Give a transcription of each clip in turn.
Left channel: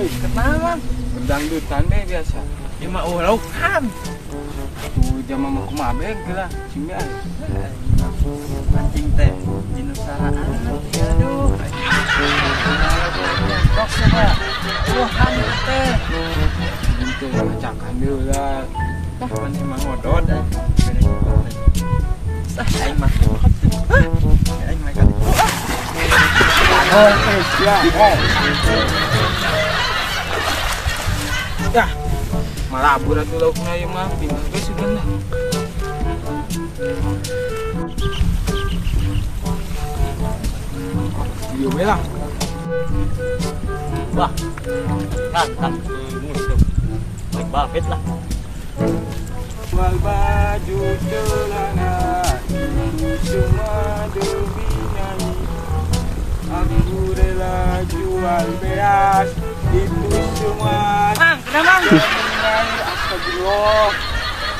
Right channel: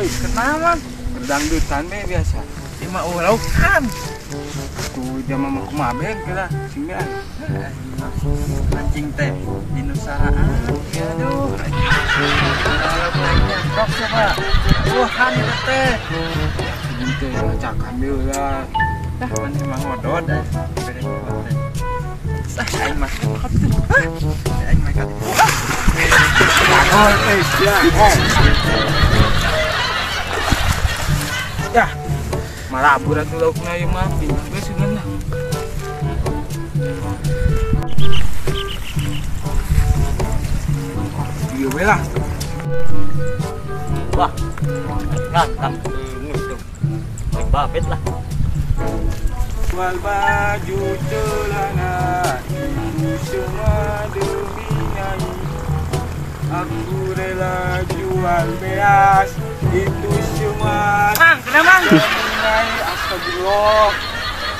Woi, Kenapa? kedangdutan deh biasa. Ya mah laukan. Tuh dia mah kumabeng kira sini ay. Mancing teh di Nusara. Aduh. Tok coba. Tuhan teh. Gitu ngacakan lah. Dah mana mah ngodot dah. Beda juga teh. Aing mah makan tuh. Aing mah kali. Oh, ya. Ya. Malah abur atuh laukna ieu mah pindah geus sudah. Iya we lah. Wah. Ngantang ngusuk. Baik babet lah. Jual baju celana itu semua demi Nyai. Aku rela jual beas itu semua. Mang, kenapa Mang? Nyai, astagfirullah.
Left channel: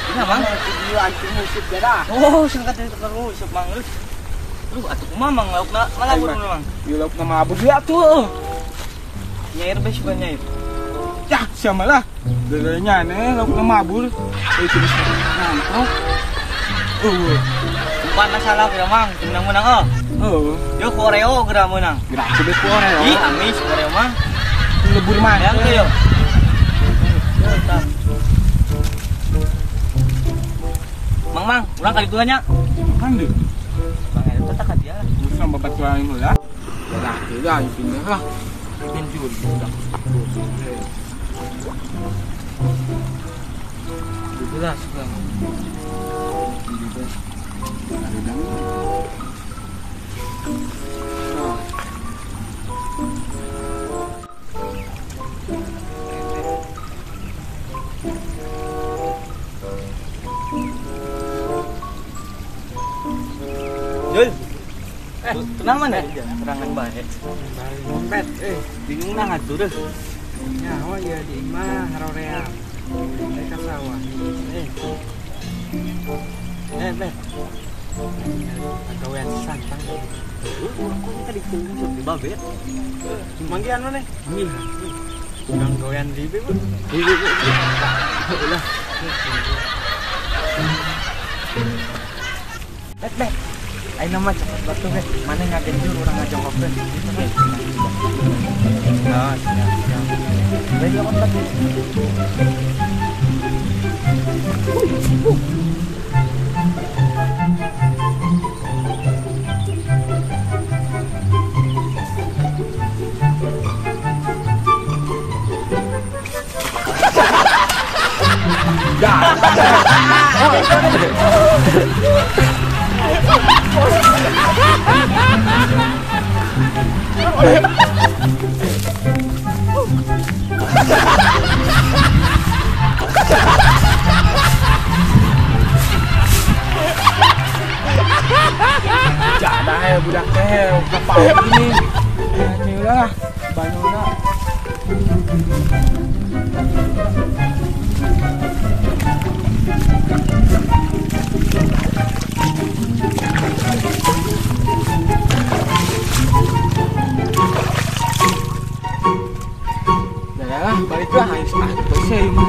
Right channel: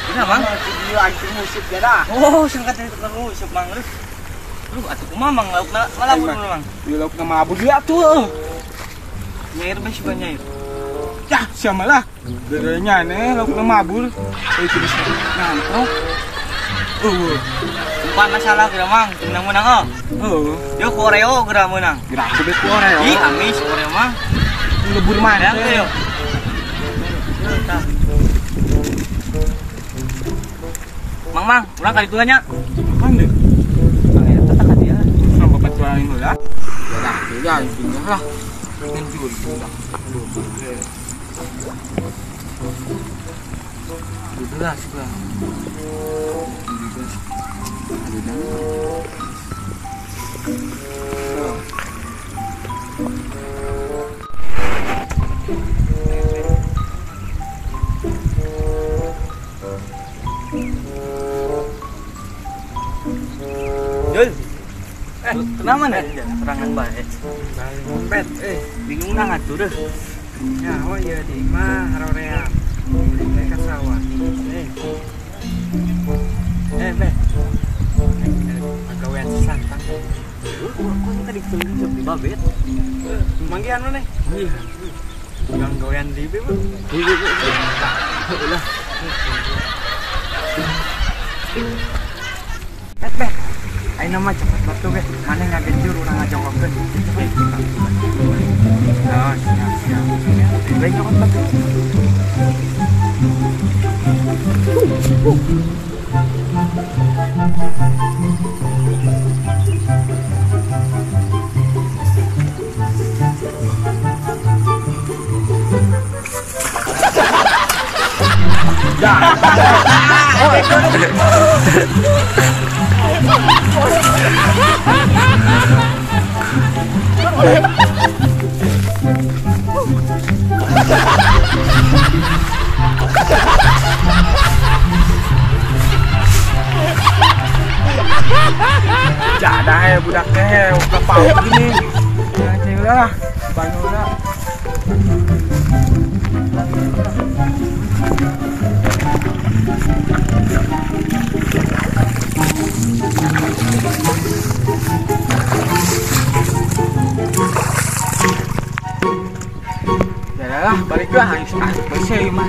Kenapa Mang? Video anjing musik ya dah. Oh, singkat itu terus usap Mang. Lu atuh kumaha Mang laukna malabur Mang. Di lauk nama abur dia tuh. Nyair bae sih banyak. Ya, siapa lah. Bedanya nih lauk nama abur. Itu bisa ngantuk. Umpan masalah kira Mang, menang-menang Yo Koreo kira menang. Gerak sebet Koreo. Ih, amis Koreo Mang. Lebur mana tuh yo. Mang, urang kali tuanya. Makan deh. Mang eta teh ka dia. Sama batuan ini lah. Ya, intinya lah. Mencuri sudah. Udah suka. Ada dang. Yul. Kenapa nih? Serangan baik. Balik ngompet, Bingung nah atuh deh. nyawa ya di imah haroream. Mulai ke sawah. Beh. Pagawean santang. Kok tadi kelihatan di babet? Manggihan mana? Manggihan. Yang gawean di ibu. Ulah. Bet. Ayo nama coklat batu be. Mana ngagenjur orang ngajongkokkeun. Gitu be. Nah, siap. Baik coklat batu. Jadah ya budak teh kapal gini. Ya ceulah banuna. Jadah balik lah, bersih mah.